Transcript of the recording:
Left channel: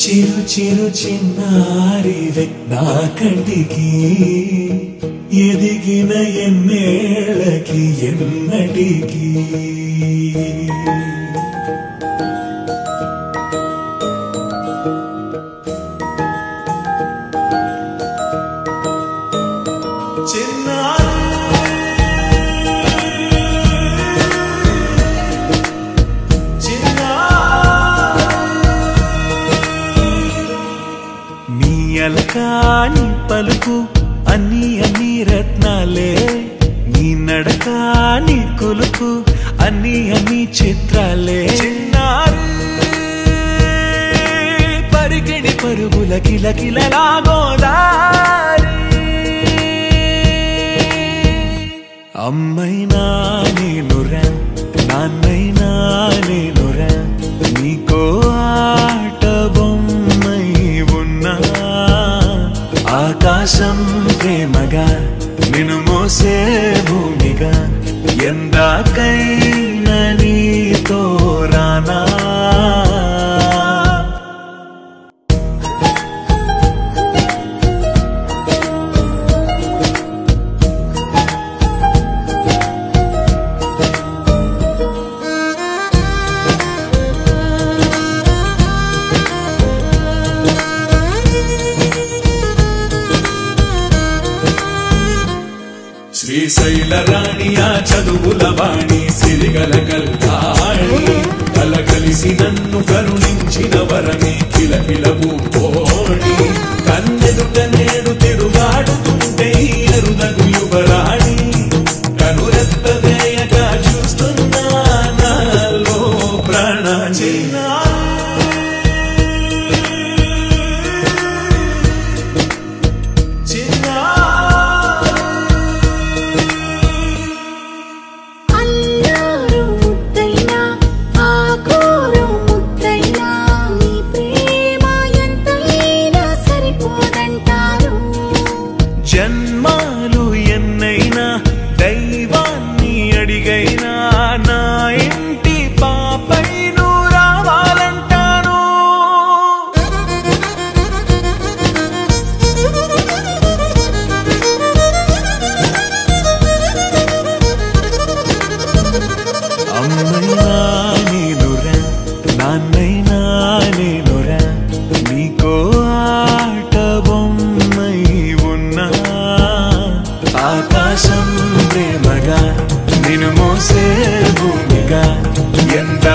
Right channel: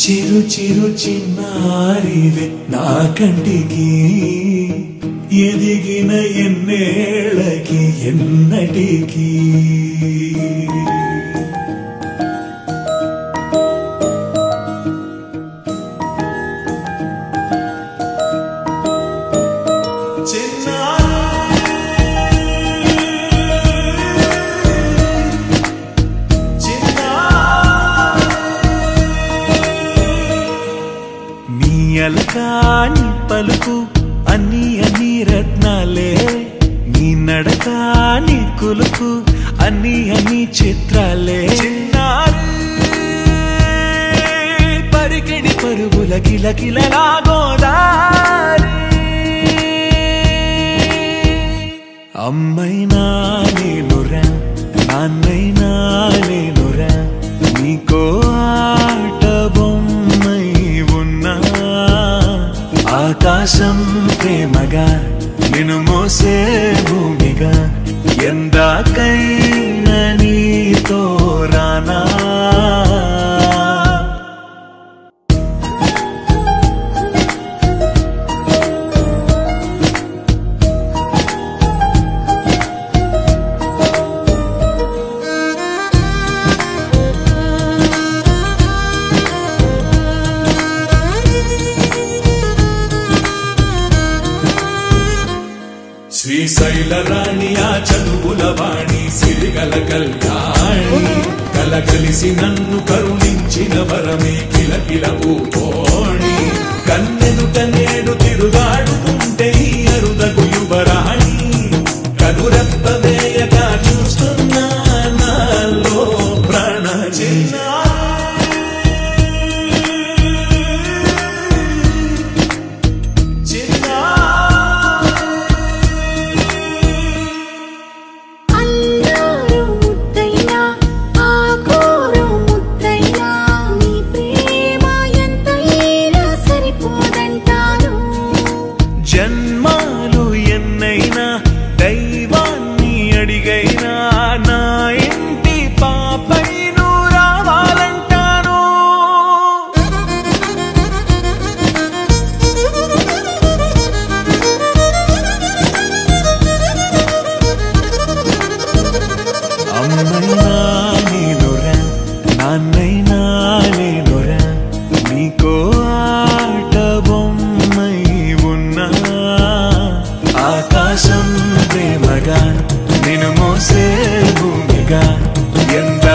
చిరు చిరు చిన్నారివే నా కంటికి ఎదిగిన ఎన్నేళ్ళకి ఎన్నటికి అలకాని పలుకు అన్ని అన్ని రత్నాలే నీ నడకాని కులుకు అన్ని అన్ని చిత్రాలే చిన్నారి పరికిణి పరుగుల కిలకిలలా గోదారి అమ్మైనా నేనురా నాన్నైనా నేనురా నీకో ఆట బొమ్మై ఉన్నా ఆకాశం ప్రేమగా నిన్ను మోసే భూమిగా ఎందాకైనా నీతో రానా శ్రీశైల రాణి ఆ చదువుల వాణి సిరిగల కల్యాణి కలగలిసి నన్ను కరుణించిన వరమే కిలకిల పూకోణి కన్నెదుట నేడు తిరుగాడుతుంటే అరుదకు యువరాణి కనురెప్పవేయగా చూస్తున్నా నాలో ప్రాణ చిన్నా జన్మాలు ఎన్నైనా దైవాన్ని అడిగైనా నా ఇంటి పాపై నువ్వు రావాలంటాను అమ్మైనా నేనురా నాన్నైనా నేనురా నీకో ఆట బొమ్మై ఉన్నా ఆకాశం ప్రేమగా నిన్ను మోసే భూమిగా ఎంత